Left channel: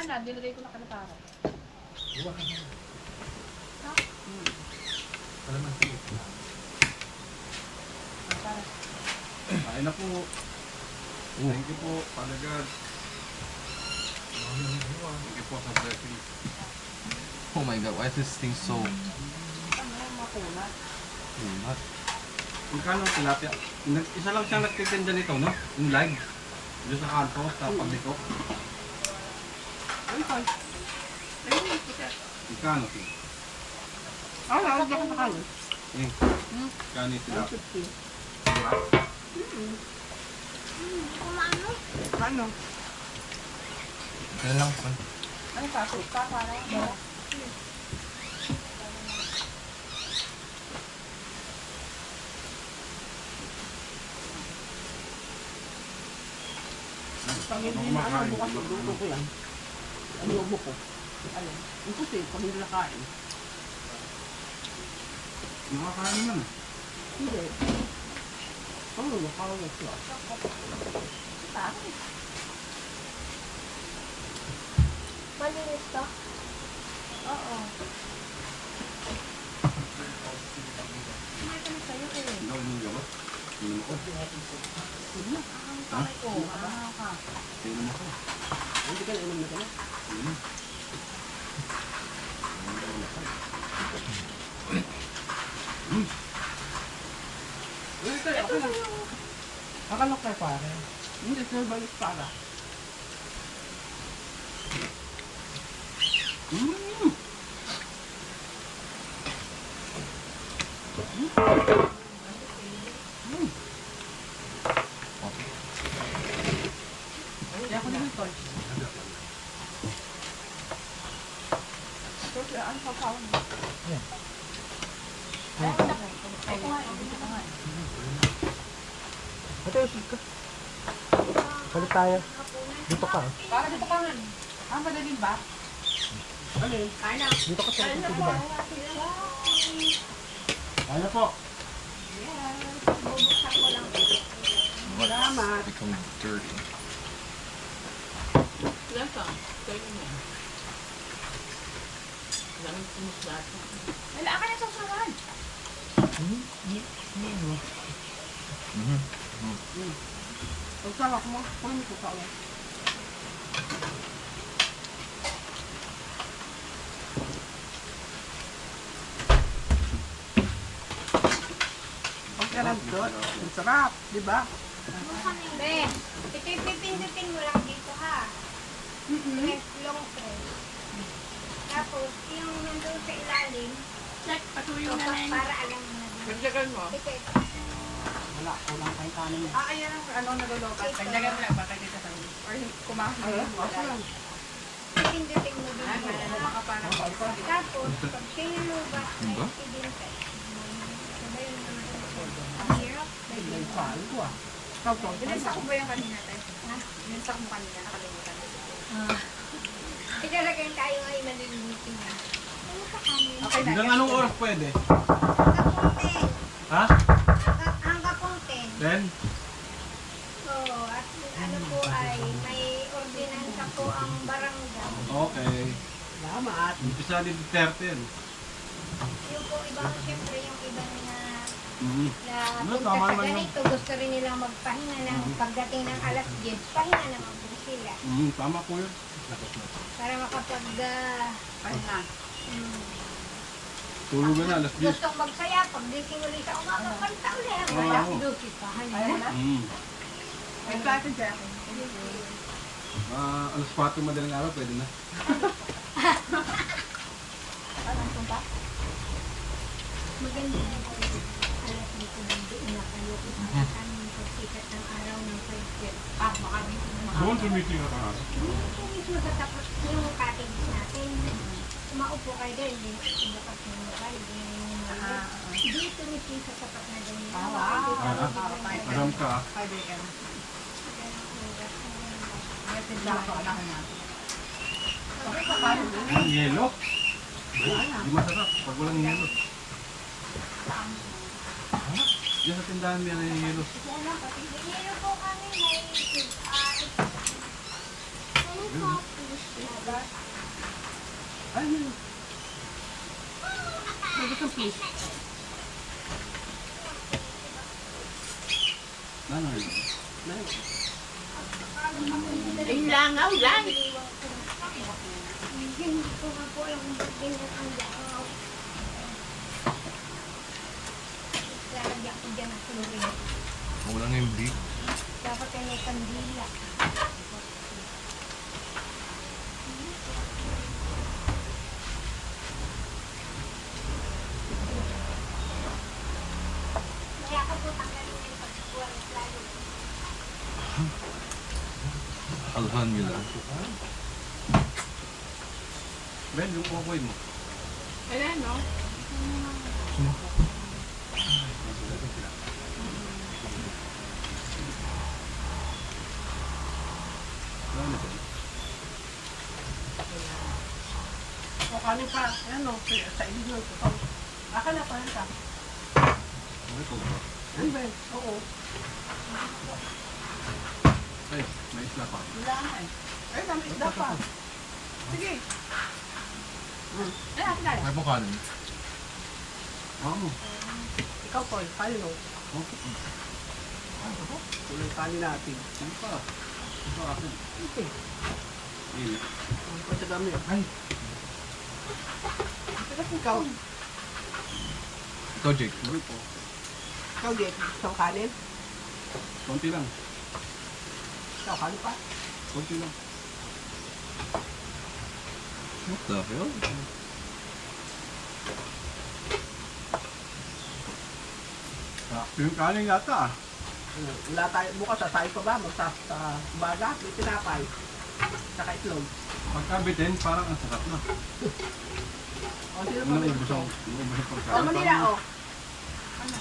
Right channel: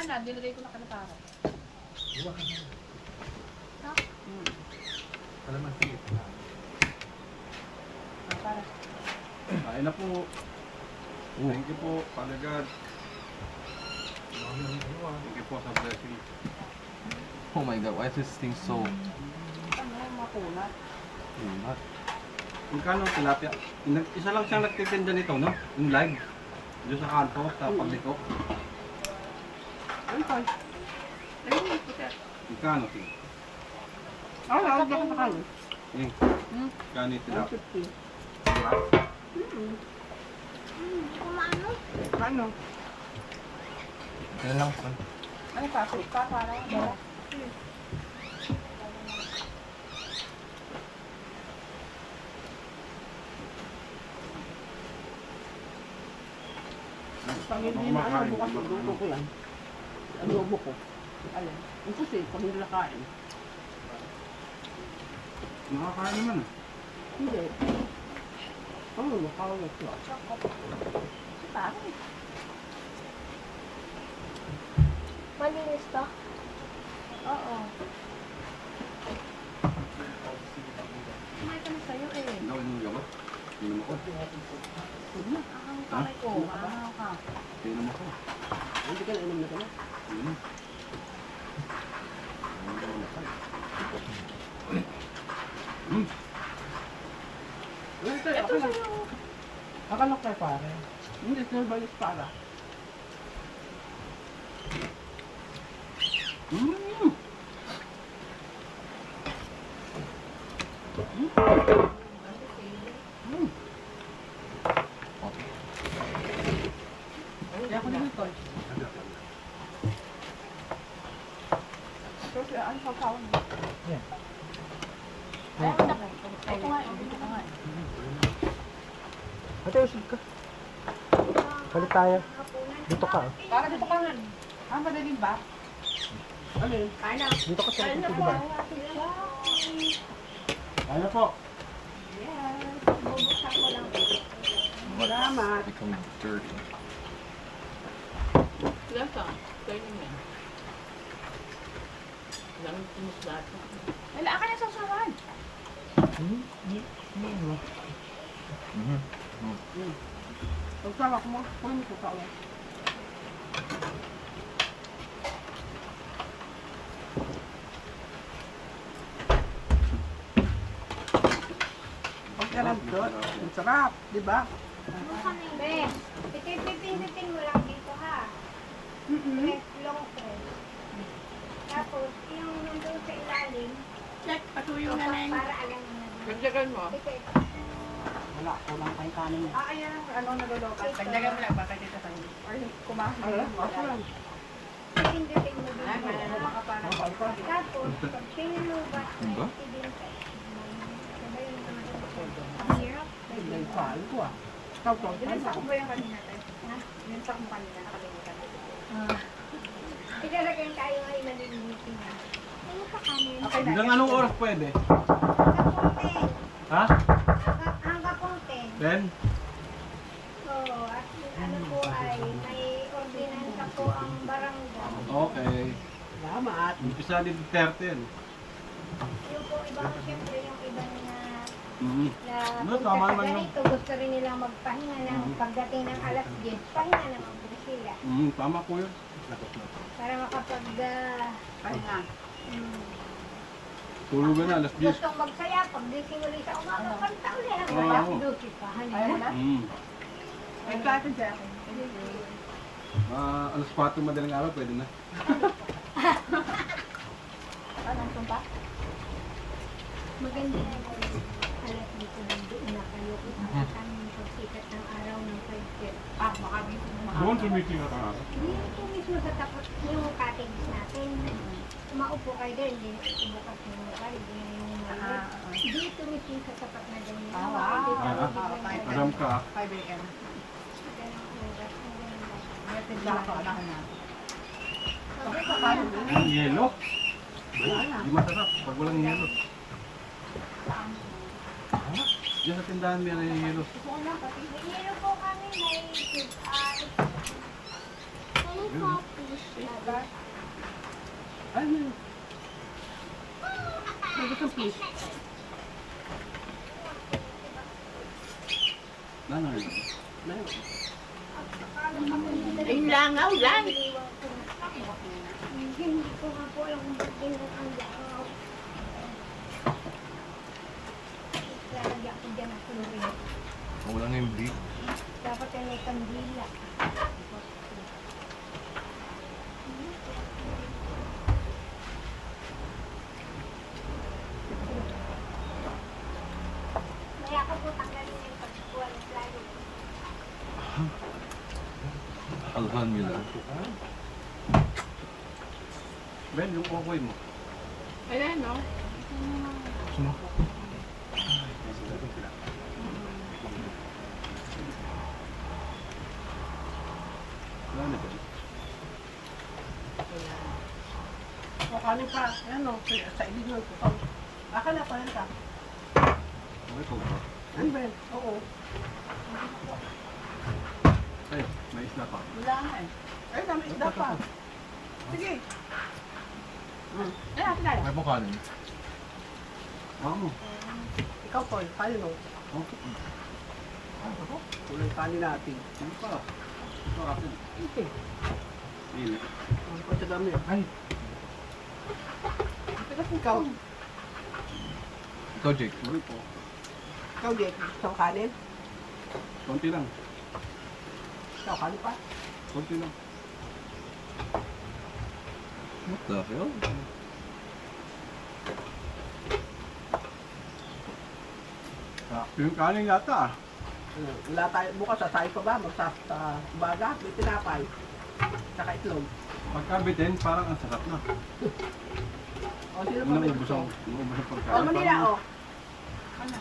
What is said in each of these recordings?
Wala na, dinagay ko na kalapara. Iwa ka na. Ha? Kalamansi. Para. Kain na po. Thank you po, Father God. Thank you po sa blessing. Oh my God, why is this thing so Ano, makunat. not? Magkano ang tilapia? Isa lang siyang nagtitinda nito, no? Yung live. Doon sa kanto, sa pagliko. Ano, Paul? Ayun, kita. Magkano? Oh, lawag na ka kayo. Magkano yung tilapia? 150. Kumano? Ano? Yan lang. Ano pa? Suka, para? Dala. Pag hindi na ano, bukas magluto ko yan. Adobo ko. Alin? Yung puti, pag hindi nakain. Nakakain naman. Hindi. Ano, nakawag ko. Bakit? Malinis to? Oo. Kumain ka na sa'yo eh. Hindi ako yung gabot. Inom ako. Huwag na. Ang kamay ko. Ano ka? Inom ako. Hindi ka na inom na ka na. Inom. Ito, okay lang. Akalok tayo pare. Hindi, sir, balik para. Kaya ako naman ito. Ito, ano pa pa? Ay, ito nga, dito ka nga. Ate, usig ka. Balik tayo. Dito ka. Para dito ka nga. Ah, madaling ba? Ano yun? Kaya na. Dito ka sa likod, di ba? Kaya po. Yes. Bubuksan ko lang. Salamat. Become dirty. Lasa. Ito yun yan. Lamig sumuslasa. Wala ka na sa sawan. Pagsawa ko mo, kung ko sawa. Pagkalantot, ang sarap, di ba? Be, ito yung pipindutin mo lang dito ha. Press, long press. Tapos, yung nandun sa ilalim, Check, patuyo para na na alam mo na. Pagdagan mo. Ito. Wala, kulang pa yung kanin niya. Ayan ang ano nalulukat. Pagdagan mo lang, baka dito tayo. Or kumakas. Ako lang. Pipindutin mo dito. Ano ka para? Tapos, pag sinunubat, Diba? ibintay. Sabay yung ang hirap. May palo ko ah. Binansak ko ba yung kanina tayo? Ha? Binansak mo kanina, nakalimutan. Ilalagay tayo ay malilimitin na. Ano ka kanin? Okay na. Hanggang anong oras pwede? Hanggang 10. Ha? Hanggang 10. Then? Oo, at ano po ay may ordinansa po ang barangay. Okay. Salamat. Umpisa dito 13. Yung po ibang, siyempre yung ibang na Ano, punta tama sa naman ganito, gusto rin nilang magpahinga ng pagdating ng alas 10, pahinga naman po sila. Tama po yun. Para makapag, Pahinga. Tulugan na, alas 10. gustong magsaya, pagdating ulit sa umaga, kanta ulit. Oo. Wala, duty pa, Ayan na. May plato dyan. Alas 4 madaling araw, pwede na. Anong tumpa? Maganda na alas dito nandoon na kayo kung saan yung pagsikat ng araw ng 5 Ah, makabito mo Doon sa meeting na araw. Ito mismo sa tapat yung cottage natin. Umaupo kayo doon, hindi ilakas yung mukha, hindi yung maliit. Dito mismo sa tapat na ganyan. Ah, wow. Aram ka. 5 a.m. Ganang oras, ang ganda. May tidla ako, anak na. Ang yelo. Di masarap pag walang yelo. Diyan sa tindahan may yelo. Hihilo po kami, may coffee. Ano yun? Sabi kang fish. Ano? Yung langaw lang. Hindi ko nga po alam kung ba't ganyan ang langaw. Lalagyan ko dyan ang chlorine. Wala na yung big. Dapat yan may kandila. Kaya ako po tanggalin na yung pagkakuha ng lalo. Alhamdulillah. Ben, yung okoy mo. Ayan, no? Ano ba? O, kanin pa. Ayan, no? Sa ibig nyo. Aka na, pahan ka. Okay po ba? Ano ba yun? Oo. Ay, may isla pa. Wala nga eh. Ay, dami isda pa. Sige. Ay, akin tayo. May po kanin. Ano? Ikaw, Paul. Kanin, no? Okay. Kulay kanin natin. Ano pa? Ito akin. Okay. Ini. Ang ko sa dami. Ay. Pero ikaw. Ikaw, Jake. Sorry po. Ikaw, Jake. Isang kanin. Konti lang. Ikaw, kanin pa. Konti lang. What the hell? Yung kanin yata ah. Wala tayo. Bukas, sasay pa ba? Sa baga. May tinapay. Saka itlog. Pagkabitin, parang ang sarap na. O, sino Ano pa na may ubos ang pagkain? O, Manila, o. Ano?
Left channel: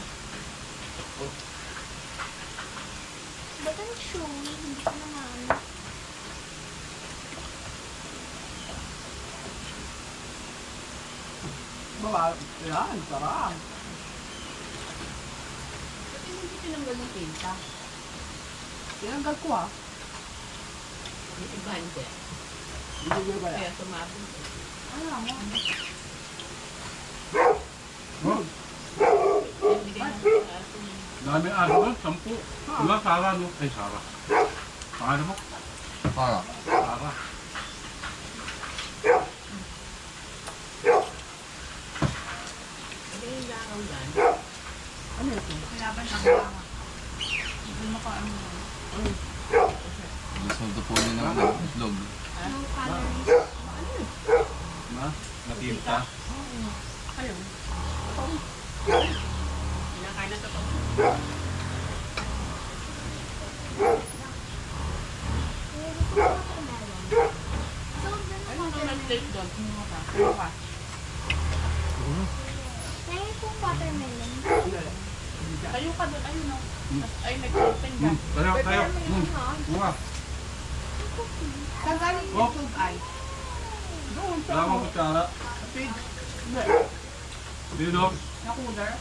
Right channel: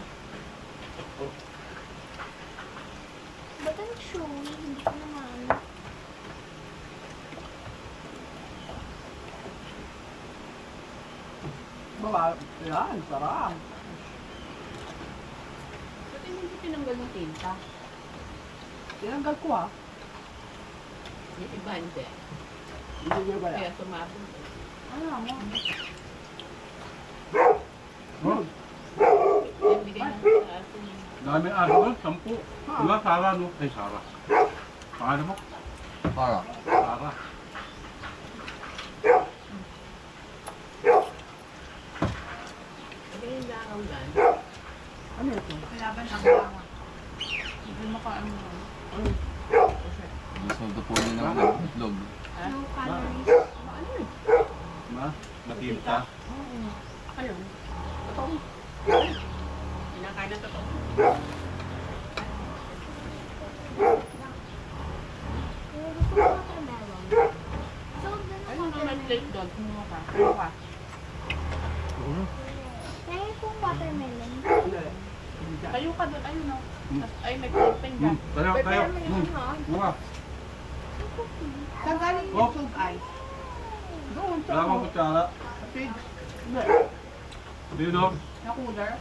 Ba't ang chewy? Hindi ko naman. Bawa, yan, sarap. Ba't hindi tinanggal ng tinta? Tinanggal ko ah. Yung iba hindi. Hindi nyo ba yan? Kaya sumabog. Ano mo? Oh, Yung bigay ng sa atin. dami aso doon, 10. Diba, Sara no? Ay, Sara. Pangalan mo? Para. Sara. Bigay yung langaw yan. Ano ito? Laban ang langaw. Hindi mo ka ano. Gusto mo tapunin ng itlog. No calories. Ma? Matinta. Ayun. Pinakain na ito pa. Kaya gusto ko watermelon. So, ganun Ano watermelon. naman plate doon? Kumuha ka. Ano ka? Kaya kung watermelon. Ano? Tayo ka doon. Ayun o. Hmm. Ay, may open ka. Tayo, tayo. Bunga. Saan galing Oh. yung tube ay? Doon sa Wala akong kutsara. pig. Hindi. Dito. Na cooler.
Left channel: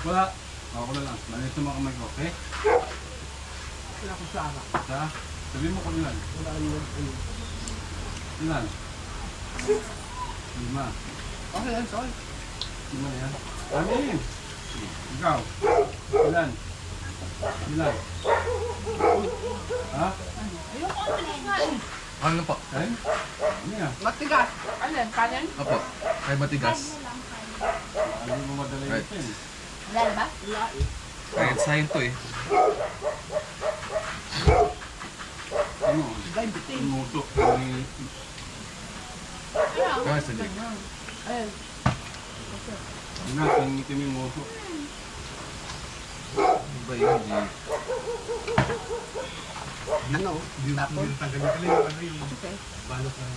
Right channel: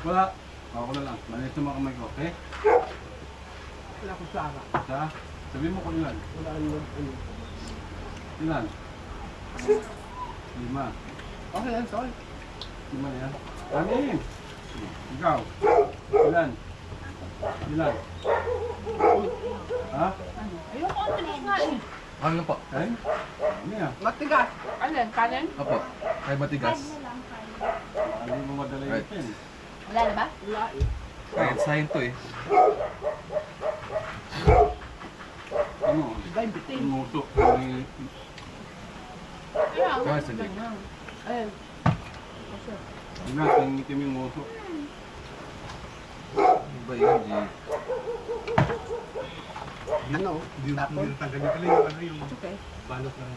Wala. Ako na lang. Manis na mga kamay ko, okay? Wala ko sara. Isa. Sabihin mo kung ilan. Wala ano. Ilan? 5. Okay lang, tol. 5 na yan. Amin! Ikaw. Ilan? Ilan? Ha? Ayoko ang bilis nga eh. Ano po? Kain? Ano yan? Matigas. Alin? Kanin? Apo. Kay matigas. Na lang kayo. Hindi mo madala yung Right. pen. Wala ba? Wala eh. Kahit sahin to eh. Ano? Gay bitin. Inuto. Yung Kaya Kaya sa Jake. Ayun. Tingin yung uso. Iba yun, Jake. Ano? Tapos? Tanggalin ka lang yung ano yung Okay. balot ng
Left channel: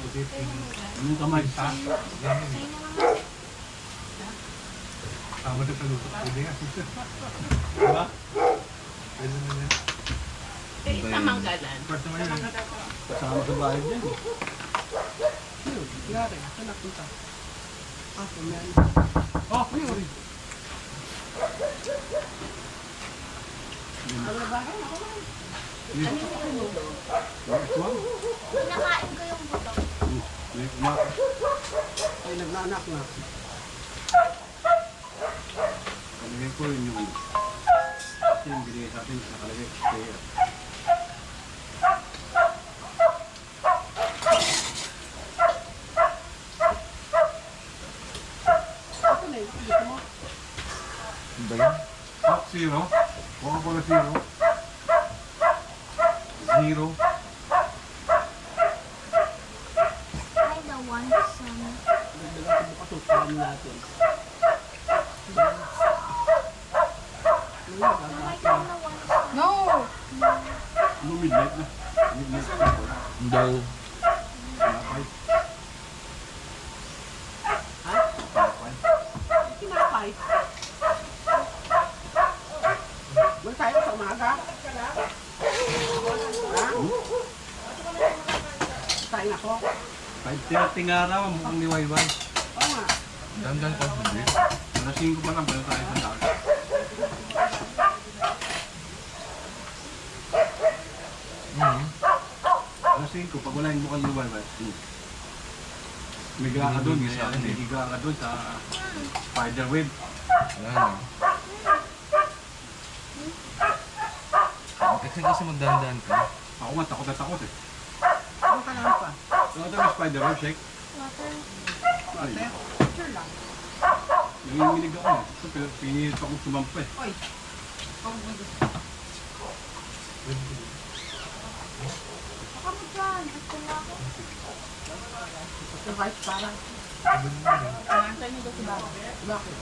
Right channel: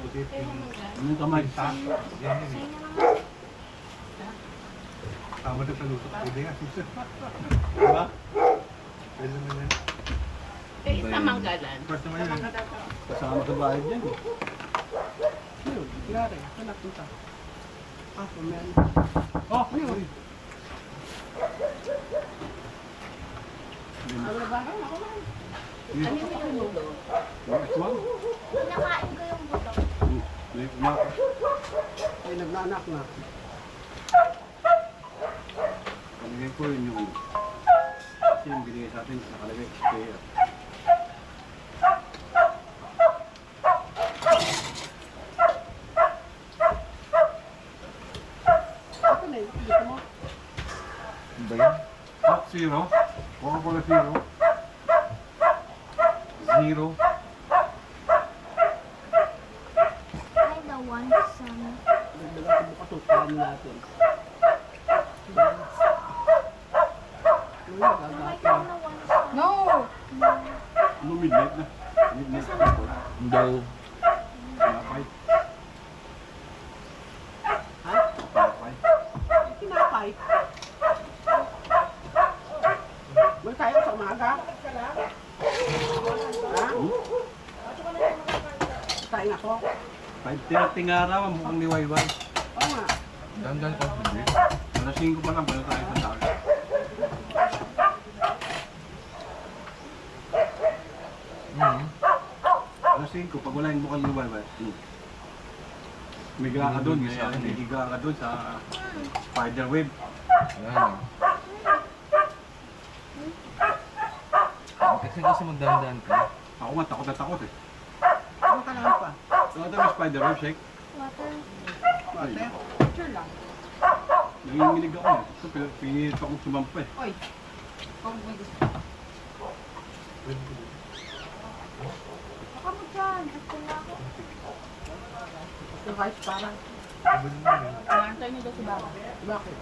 pusit. Ano yung kamay? Yan Sa'yo yun. na lang. Tama na paluto. Pwede nga. Diba? Pwede naman yan. Eh, sa manggalan. Part naman yan. Kasama sa bahay dyan eh. Yun. Yari. Saan napunta? Ah, kumain. Oh! Yun. Uy. Ano ba? Ako man. Uy. Ano yung minudo? Next one. Pinakain ko May kumaka. Ay, nagnanak na. Kalagay ko yun yung kasi yung binigay sa atin, nakalagay spare. Ito na, gusto mo? Ano ba yan? Coke Zero. Coca-Cola Zero. Zero. I don't want some. Dagdagan sa bukas, upahan natin. I don't want some. No! Ano midnight na? Midnight na po. Daw. Tinapay. Ha? Tinapay. Tinapay. Wala tayo sa umaga. Ha? Kain ako. 5:30 nga raw, mukhang liwayway. Oo nga. Dandan ka. Hindi. Alas 5 pa lang, pala tayo sa dagat. Alas 5, pag wala yung mukhang liwayway. Miga ka doon, higa ka doon sa spider web. Wala na. Kasi magdandan ka. Ako nga, takot na takot eh. Ano ka lang pa? So, ito may spider web, shake. Water. Ay, Picture lang. nanginginig ako eh. Ito, pinilit akong sumampa eh. Oy. Huwag mo gusto. Baka mo dyan. Gusto nga ako. Ito kahit parang. Ang antay niyo daw si Baba. Bakit?